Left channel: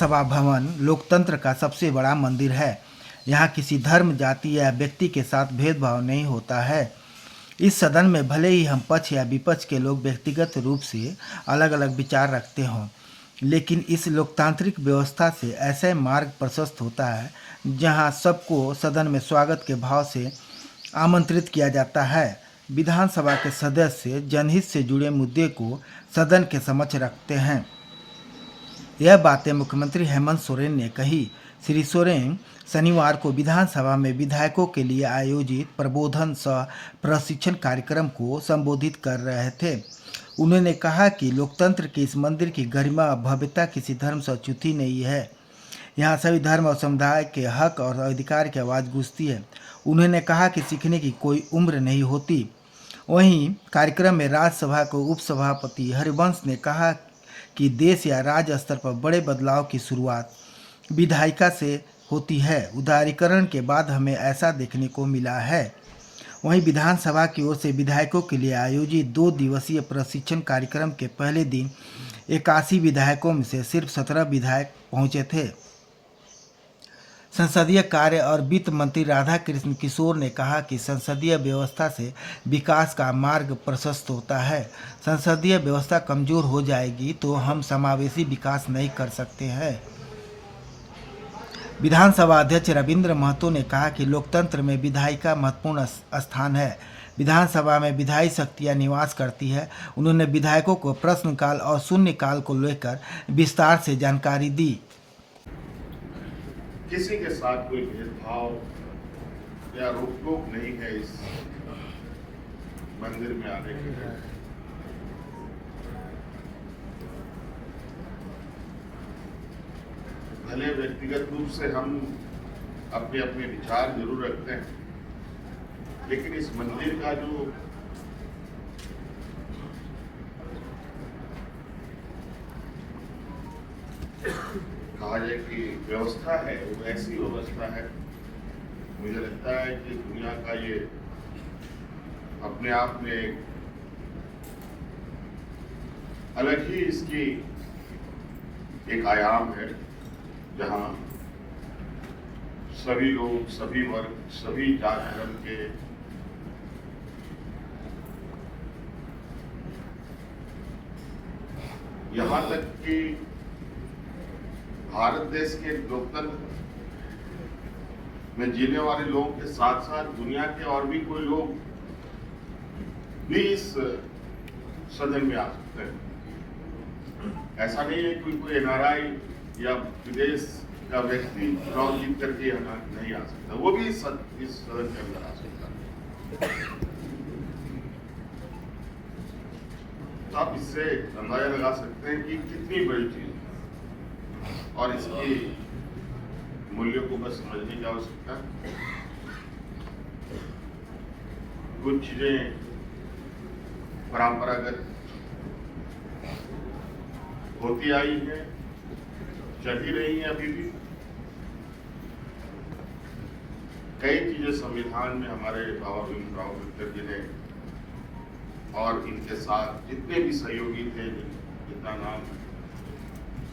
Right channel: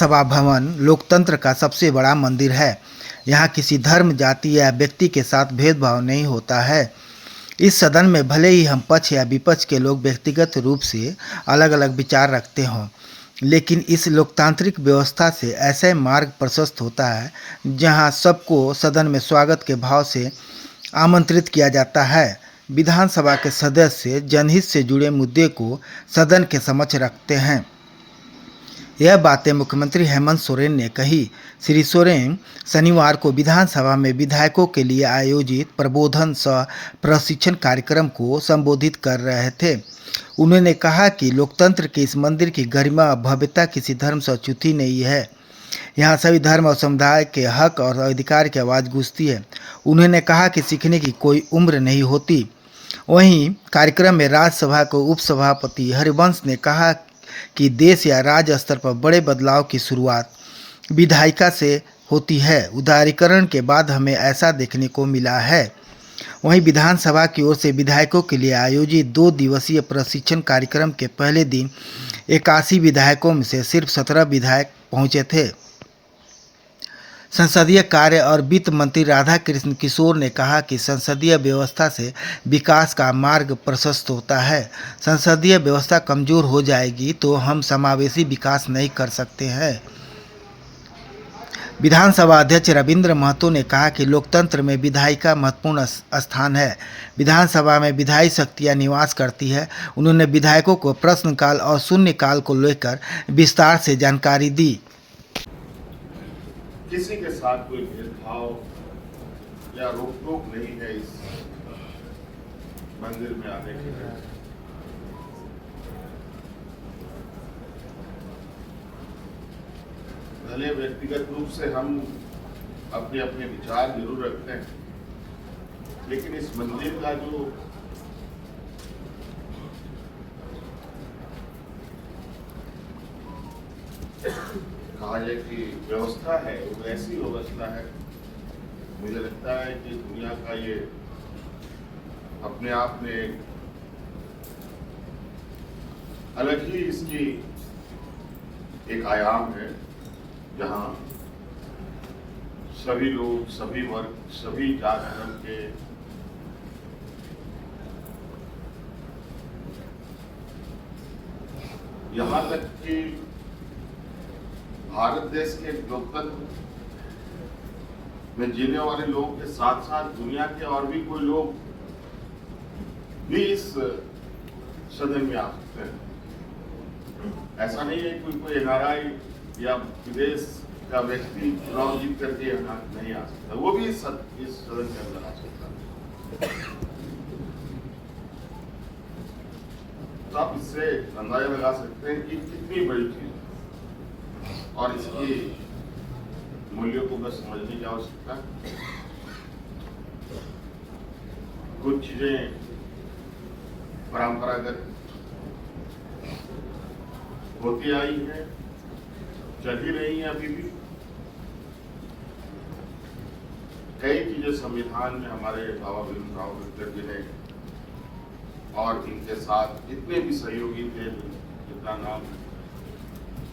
विधानसभा भवन लोकतंत्र का सबसे बड़ा मंदिर है। यहाँ किसी धर्म, जाति या व्यक्ति के साथ भेदभाव नहीं होता है। इस सदन में भले ही हम पक्ष या विपक्ष के लोग व्यक्तिगत रूप से अलग अलग विचार रखते हों, लेकिन इस लोकतांत्रिक व्यवस्था से ऐसे मार्ग प्रशस्त होता है जहाँ सबको सदन में स्वागत के भाव से आमंत्रित किया जाता है। विधानसभा के सदस्य जनहित से जुड़े मुद्दे को सदन के समक्ष रखते हैं। यह बातें मुख्यमंत्री हेमंत सोरेन ने कही। श्री सोरेन शनिवार को विधानसभा में विधायकों के लिए आयोजित प्रबोधन सह प्रशिक्षण कार्यक्रम को संबोधित कर रहे थे। उन्होंने कहा कि लोकतंत्र के इस मंदिर की गरिमा और भव्यता किसी धर्म से अछूती नहीं है। यहाँ सभी धर्म और समुदाय के हक और अधिकार की आवाज़ गूंजती है। उन्होंने कहा कि सीखने की कोई उम्र नहीं होती। वहीं कार्यक्रम में राज्यसभा के उपसभापति हरिवंश ने कहा कि देश या राज्य स्तर पर बड़े बदलाव की शुरुआत विधायिका से होती है। उदारीकरण के बाद हमें ऐसा देखने को मिला है। वहीं विधानसभा की ओर से विधायकों के लिए आयोजित 2 दिवसीय प्रशिक्षण कार्यक्रम के पहले दिन 81 विधायकों में से सिर्फ 17 विधायक पहुंचे थे। संसदीय कार्य और वित्त मंत्री राधाकृष्ण किशोर ने कहा कि संसदीय व्यवस्था से विकास का मार्ग प्रशस्त होता है। संसदीय व्यवस्था कमजोर हो जाएगी तो हम समावेशी विकास नहीं कर सकते हैं। विधानसभा अध्यक्ष रविंद्र महतो ने कहा कि लोकतंत्र में विधायिका महत्वपूर्ण स्थान है। विधानसभा में विधायी शक्तियाँ निवास करती है। उन्होंने विधायकों को प्रश्नकाल और शून्यकाल को लेकर विस्तार से जानकारी दी। किसी के साथ कोई भेदभाव या रोक टोक नहीं है इस मंदिर में आने के लिए। भले व्यक्तिगत रूप से हम अपने अपने विचार जरूर रखते हैं, लेकिन इस मंदिर का जो कहा जाए कि व्यवस्था है, वो ऐसी व्यवस्था है, मुझे लगता है कि दुनिया का ये अपने आप में एक अलग ही इसकी एक आयाम है, जहां सभी लोग, सभी वर्ग, सभी जात धर्म के यहां तक कि भारत देश के लोकतंत्र में जीने वाले लोगों के साथ साथ दुनिया के और भी कोई लोग भी इस सदन में आ सकते हैं। ऐसा नहीं है कि कोई NRI या विदेश का व्यक्ति चुनाव जीत करके यहाँ नहीं आ सकता, वो भी इस सदन के अंदर आ सकता है। तो आप इससे अंदाजा लगा सकते हैं कि कितनी बड़ी चीज और इसकी मूल्यों को बस समझने की आवश्यकता है। कुछ चीजें परंपरागत होती आई हैं, चल ही रही हैं अभी भी। कई चीजें संविधान में हमारे बाबा भीमराव अम्बेडकर जी ने और इनके साथ जितने भी सहयोगी थे, जितना नाम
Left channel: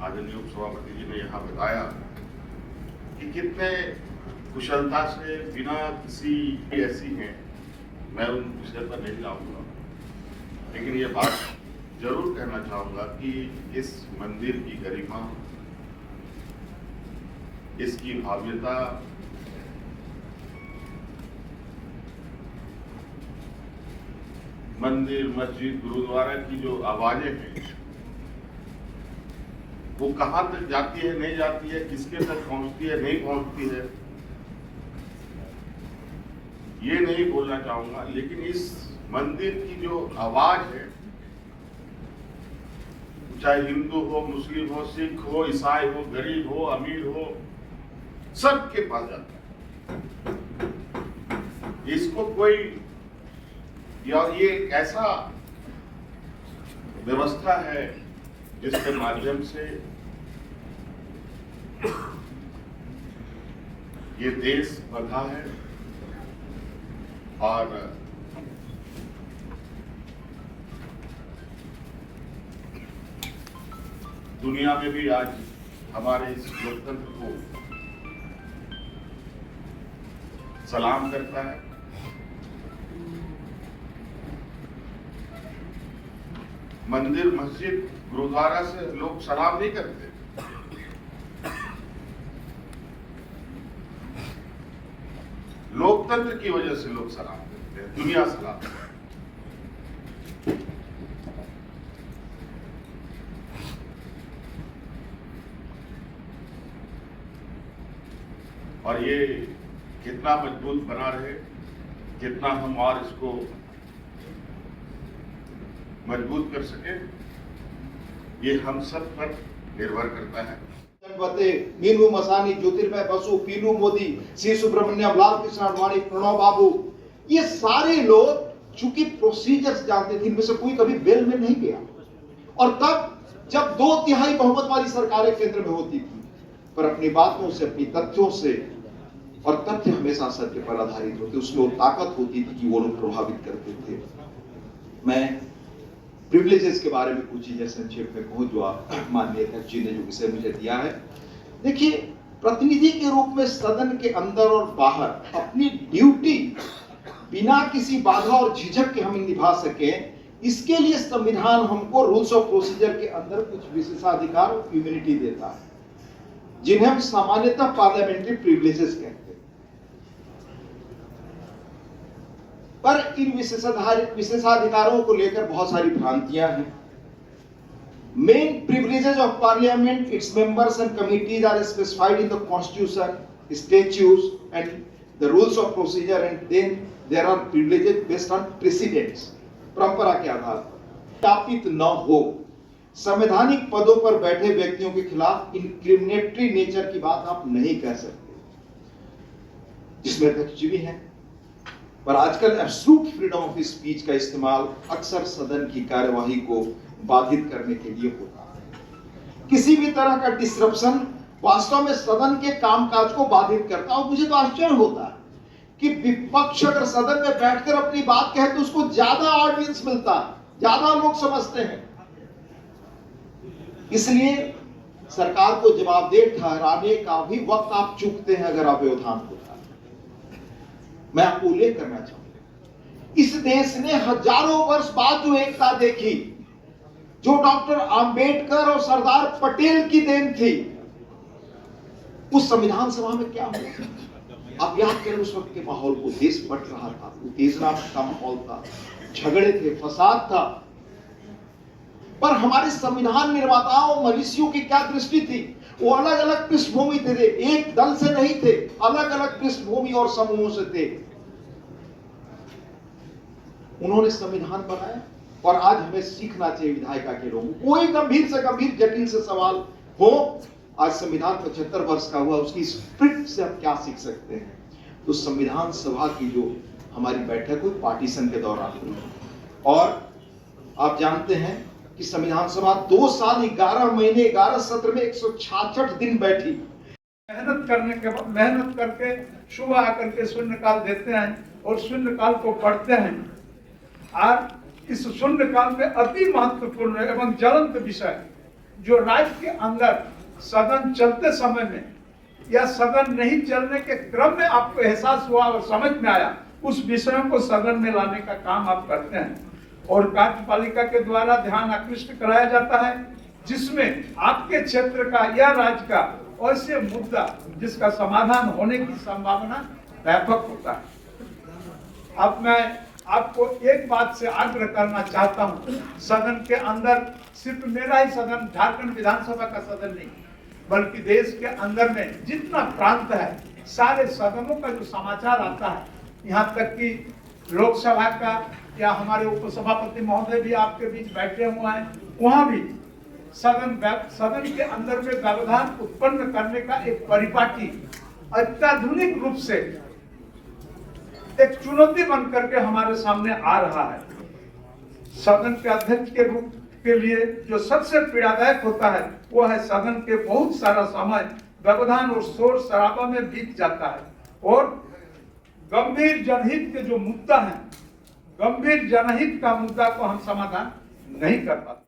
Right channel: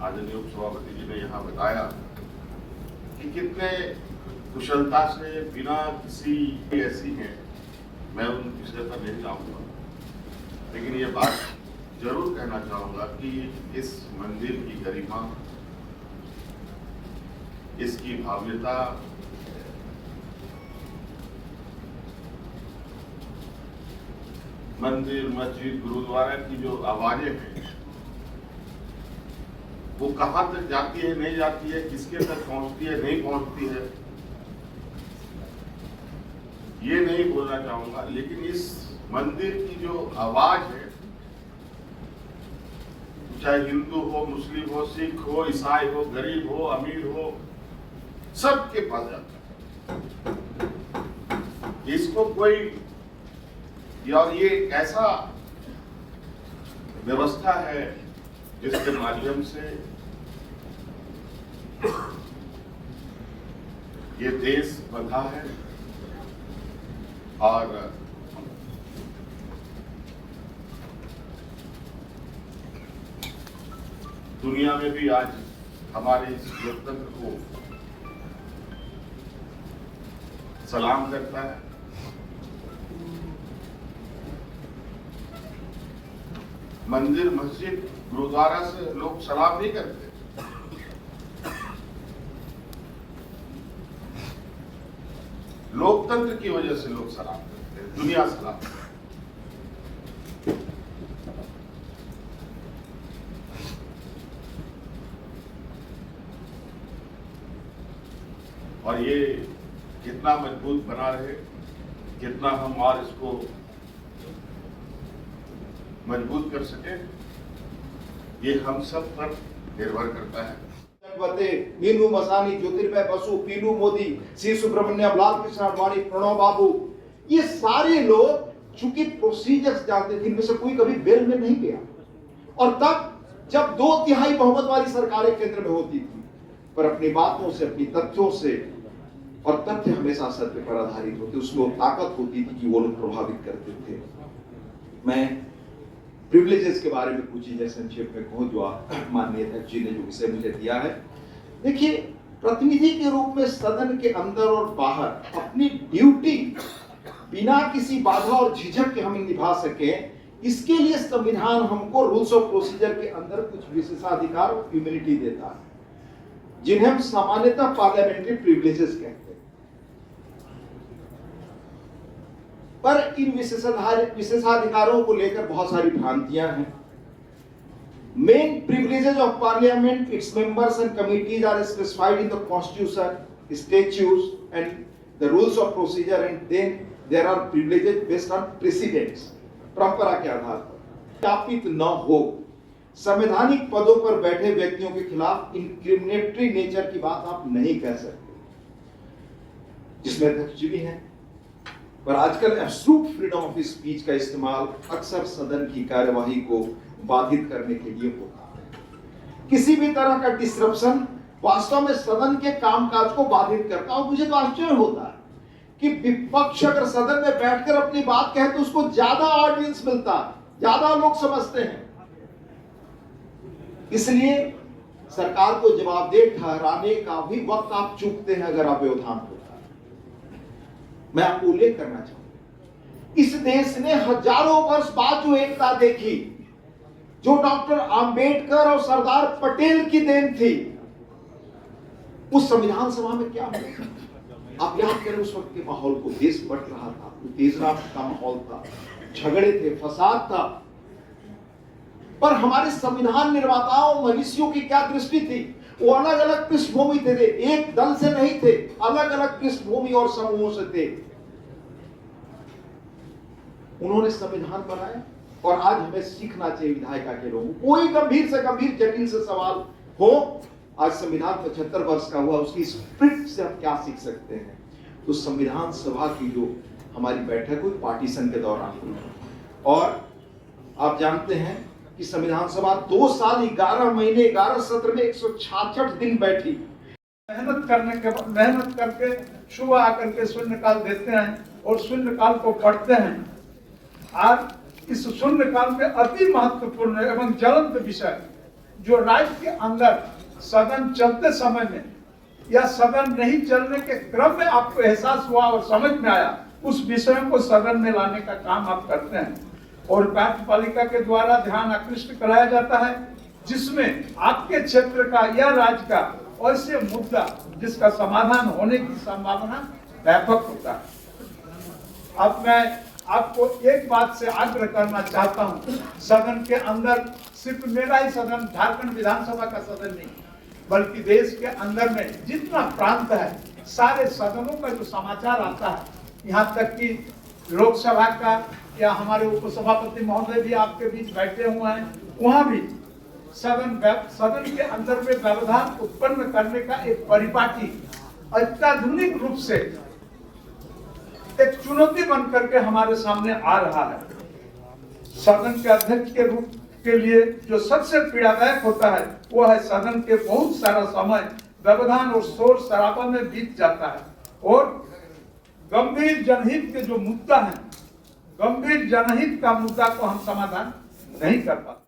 आदरणीय उपसभापति जी ने यहाँ बताया कि कितने कुशलता से बिना किसी ऐसी हैं, मैं उन विषय पर नहीं जाऊंगा, लेकिन ये बात जरूर कहना चाहूंगा कि इस मंदिर की गरिमा, इसकी भव्यता मंदिर, मस्जिद, गुरुद्वारा की जो आवाजें हैं वो कहां तक जाती है, नहीं जाती है, किसके तक पहुंचती है, नहीं पहुंचती है, ये नहीं बोलना चाहूंगा, लेकिन इस मंदिर की जो आवाज है, चाहे हिंदू हो, मुस्लिम हो, सिख हो, ईसाई हो, गरीब हो, अमीर हो, सबके पास जाता है। इसको कोई और ये एक ऐसा व्यवस्था है जिसके माध्यम से ये देश बंधा है और दुनिया में भी आज हमारे इस लोकतंत्र को सलाम करता है। मंदिर, मस्जिद, गुरुद्वारा से लोग सलाम नहीं करते। लोकतंत्र की वजह से लोग सलाम करते हैं, दुनिया सलाम करती है। और ये कितना मजबूत बना रहे, कितना हम और इसको मजबूत कर सके, ये हम सब पर निर्भर करता है। मीनू मसानी, ज्योतिर्मय बसु, पीलू मोदी, सी सुब्रमण्यम, लाल कृष्ण आडवाणी, प्रणव बाबू, ये सारे लोग चूंकि प्रोसीजर्स जानते थे, इनमें से कोई कभी बेल में नहीं गया। और तब जब 2/3 बहुमत वाली सरकारें केंद्र में होती थी, पर अपनी बातों से, अपनी तथ्यों से, और तथ्य हमेशा सत्य पर आधारित होते, उसमें वो ताकत होती थी कि वो लोग प्रभावित करते थे। मैं प्रिविलेजेस के बारे में कुछ चीजें संक्षेप में कहूं जो आप माननीय अध्यक्ष जी ने जो विषय मुझे दिया है। देखिए, प्रतिनिधि के रूप में सदन के अंदर और बाहर अपनी ड्यूटी बिना किसी बाधा और झिझक के हम निभा सकें, इसके लिए संविधान हमको रूल्स ऑफ प्रोसीजर के अंदर कुछ विशेषाधिकार और इम्यूनिटी देता है, जिन्हें हम सामान्यतः पार्लियामेंट्री प्रिविलेजेस कहते हैं। पर इन विशेषाधिकारों को लेकर बहुत सारी भ्रांतियां हैं। Main privileges of parliament, its members and committees are specified in the constitution, statutes and the rules of procedure, and then there are privileges based on precedents, परंपरा के आधार पर। स्थापित न हो, संवैधानिक पदों पर बैठे व्यक्तियों के खिलाफ इंक्रिमिनेटरी नेचर की बात आप नहीं कह सकते, जिसमें अध्यक्ष जी भी हैं। पर आजकल एब्सोल्यूट फ्रीडम ऑफ स्पीच का इस्तेमाल अक्सर सदन की कार्यवाही को बाधित करने के लिए होता है। किसी भी तरह का डिस्ट्रप्शन वास्तव में सदन के कामकाज को बाधित करता है। और मुझे तो आश्चर्य होता है कि विपक्ष अगर सदन में बैठकर अपनी बात कहे तो उसको ज्यादा ऑडियंस मिलता है, ज्यादा लोग समझते हैं। इसलिए सरकार को जवाबदेह ठहराने का भी वक्त आप चूकते हैं अगर अव्यवधान होता है। मैं आपको उल्लेख करना चाहूंगा, इस देश ने हजारों वर्ष बाद जो एकता देखी, जो डॉक्टर आंबेडकर और सरदार पटेल की देन थी, उस संविधान सभा में क्या हुआ? आप याद करें उस वक्त के माहौल को। देश बट रहा था, उत्तेजना का माहौल था, झगड़े थे, फसाद था। पर हमारे संविधान निर्माताओं, मनीषियों की क्या दृष्टि थी? वो अलग अलग पृष्ठभूमि थे, एक दल से नहीं थे, अलग अलग पृष्ठभूमि और समूहों से थे। उन्होंने संविधान बनाया और आज हमें सीखना चाहिए विधायिका के लोगों को। कोई गंभीर से गंभीर, जटिल से सवाल हो, आज संविधान 75 वर्ष का हुआ, उसकी स्पिरिट से हम क्या सीख सकते हैं? तो संविधान सभा की जो हमारी बैठक हुई पार्टीशन के दौरान हुई, और आप जानते हैं कि संविधान सभा 2 साल 11 महीने 11 सत्र में 166 दिन बैठी। मेहनत करके सुबह आकर के शून्यकाल देते हैं और शून्यकाल को पढ़ते हैं। आज इस शून्यकाल में अति महत्वपूर्ण एवं ज्वलंत विषय जो राज्य के अंदर सदन चलते समय में या सदन नहीं चलने के क्रम में आपको एहसास हुआ और समझ में आया, उस विषयों को सदन में लाने का काम आप करते हैं। और कार्यपालिका के द्वारा ध्यान आकृष्ट कराया जाता है, जिसमें आपके क्षेत्र का या राज्य का ऐसे मुद्दा जिसका समाधान होने की संभावना व्यापक होता है। अब मैं आपको एक बात से आग्रह करना चाहता हूं, सदन के अंदर सिर्फ मेरा ही सदन, झारखंड विधानसभा का सदन नहीं, बल्कि देश के अंदर में जितना प्रांत है, सारे सदनों का जो समाचार आता है, यहाँ तक कि लोकसभा का या हमारे उपसभापति महोदय भी आपके बीच बैठे हुए हैं, वहां भी सदन के अंदर में व्यवधान उत्पन्न करने का एक परिपाटी अत्याधुनिक रूप से एक चुनौती बन करके हमारे सामने आ रहा है। सदन के अध्यक्ष के रूप के लिए जो सबसे पीड़ादायक होता है वो है सदन के बहुत सारा समय व्यवधान और शोर शराबा में बीत जाता है और गंभीर जनहित के जो मुद्दा है, गंभीर जनहित का मुद्दा को हम समाधान नहीं कर पाते।